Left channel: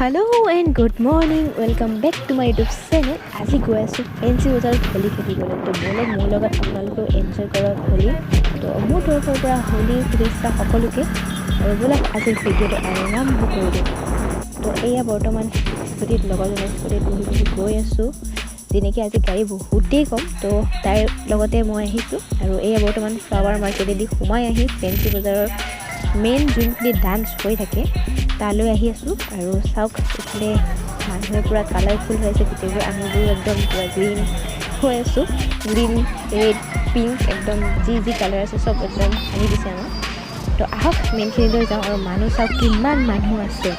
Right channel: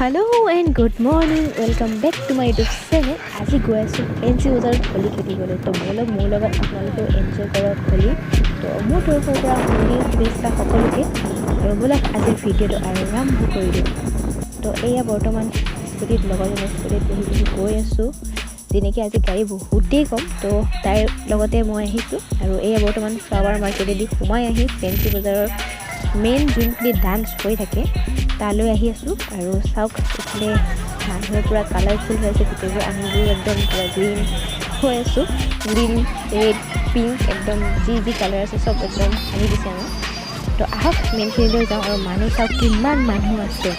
Hello and good morning. Welcome back to my YouTube channel. আজি গৈ আছোঁ fancy বজাৰত হোলী খেলিবলৈ। তো মোৰ লগত আপোনালোকেও এনজয় কৰক হোলী। তো মোৰ তৰফৰ পৰা হোলী শুভেচ্ছা সকলোকে। আৰু ব'লক আজিৰ ভিডিঅ'টো আৰম্ভ কৰি দিওঁ। তো এয়া বৰ্তমান স্কুটিত লগৰজনৰ স্কুটিত বহি গৈ আছোঁ। যেনেকৈ আজি গাড়ী বহুতেই কম, তো তাইৰ লগতে মই আহিছোঁ। আৰু এয়া বৰ্তমান ফ্লাৱাৰ মাৰ্কেটেদি সোমাই আহি ফেঞ্চি বজাৰৰ মেইন যোনখিনি ডান্স হৈ থাকে তালৈ আহি আছোঁ। আৰু চাওক এইফালে মানুহে পূৰা কালাৰফুল হৈ আছে, গোটেইবোৰ আমিবোৰ একদম পূৰা গ্ৰীণ হৈ আছোঁ। গ্ৰীণ, ৰেড, পিংক একদম যি কালাৰ আছে চব একদম আনি দিছে আমাক। তো আহক মেইনখিনিলৈ যাওঁ। আৰু মানুহ চাওক কিমান মানুহ আছে।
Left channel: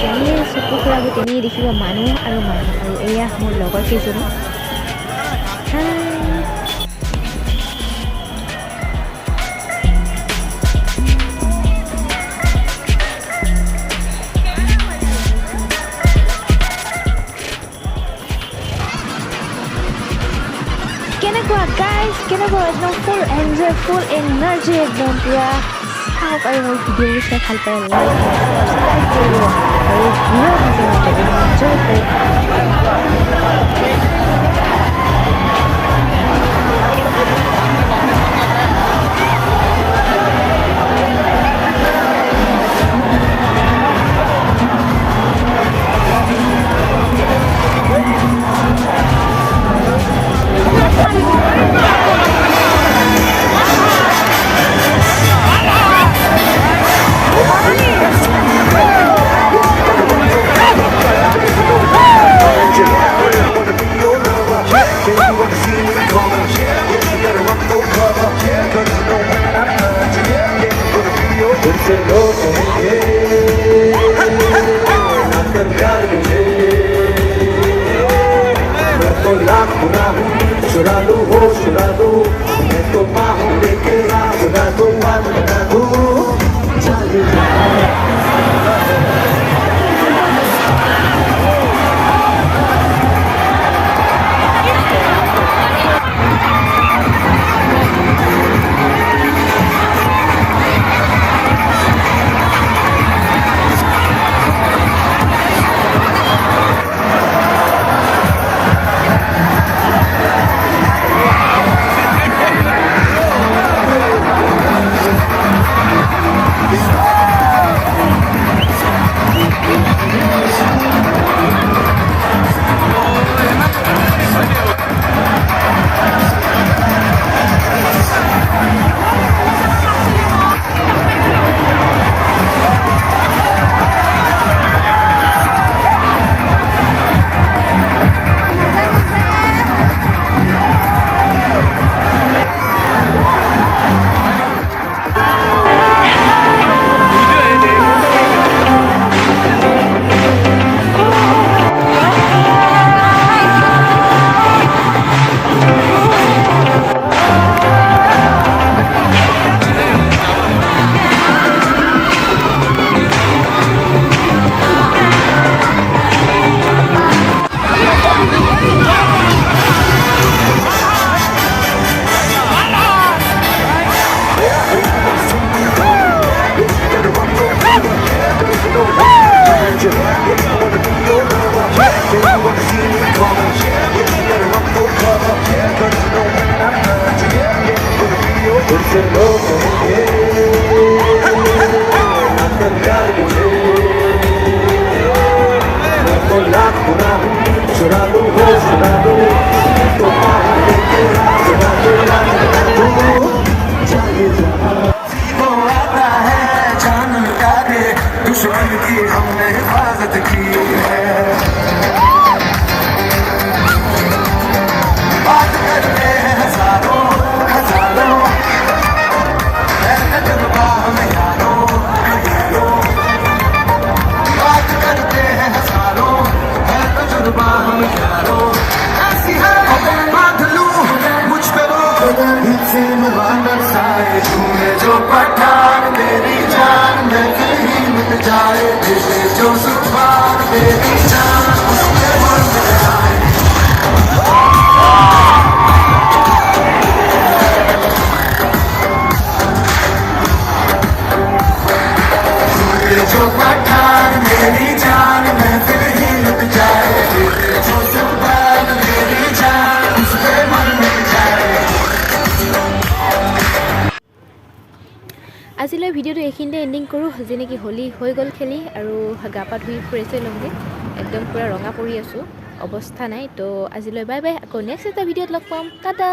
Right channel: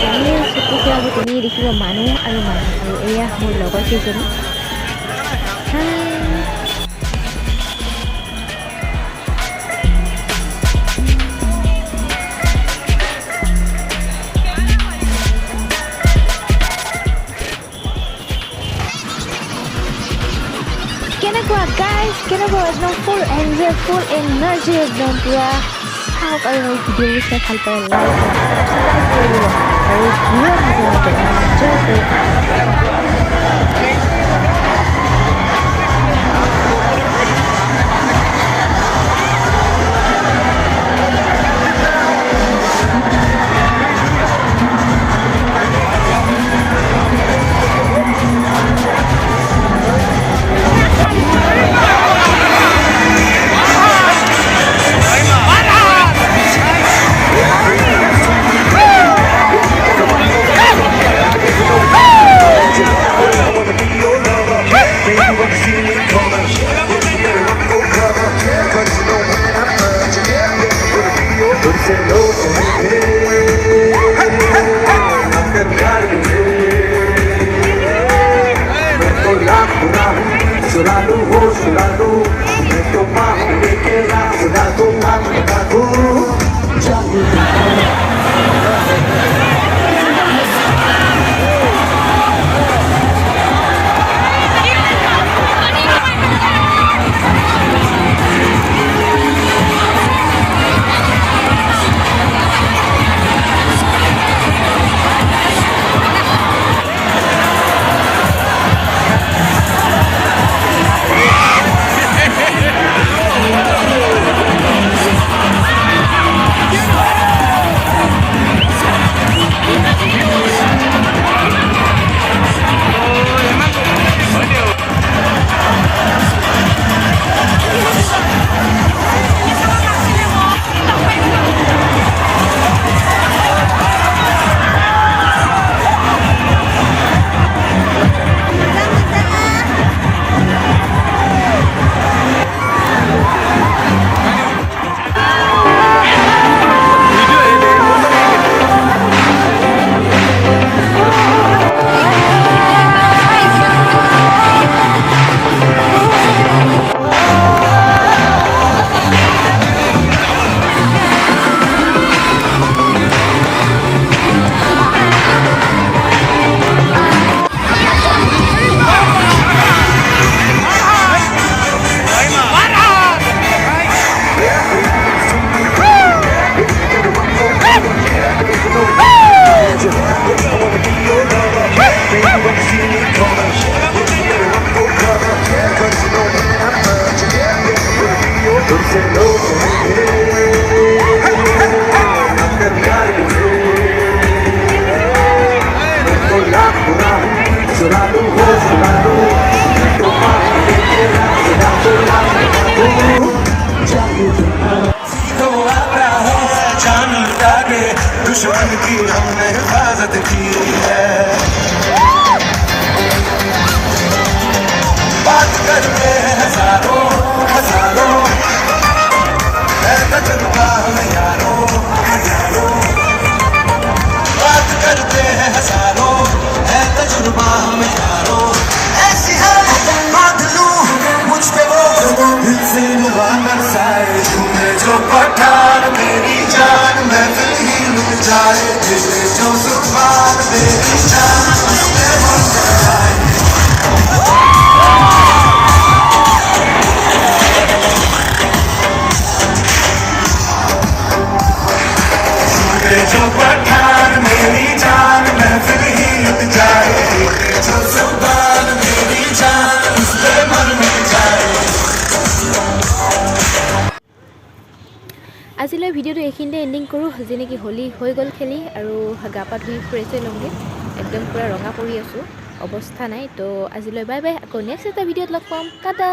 যেনিয়ে চকু ফুৰাব তেনিয়ে দেখিব মানুহ আৰু এয়া মোৰ লগৰ কেইজনী। কেনেকুৱা গাইজ, কেনেকুৱা একদম ফুল এনজয়, ফুল এনাৰ্জি একদম পূৰা চাওক। আৰু মোৰ ভিডিঅ'বোৰ চাই ভাল পায় লাইক ছাবস্ক্ৰাইব কৰিব আৰু ঘূৰা মাজে এনজয় কৰি दुश्मन की हमने हिफाजत की है। बात करते हैं हजारों है तजुर्बा हमें यारों। बात करते हैं हजारों है तजुर्बा हमें यारों। ऐसी बात लूं मुझ पे वो दिल से मुबारक सारे झूमे जो पठान मेरी जान महफिल ही मिल जाए। दिले जो सुभान मेरी जान उसमें मिल जाए। এইখিনিতে এণ্ডিং কৰোঁ যি নেকি হোলী হৈ গ'ল খেলি আৰু গা পা ধুই ফ্ৰেছ হৈ ল'মগৈ একদম পূৰা ৰঙা পৰি আছোঁ অৱস্থা নাই তো আজিলৈ বাই বাই আকৌ নেক্সট এটা ভিডিঅ'ত লগ পাম টাটা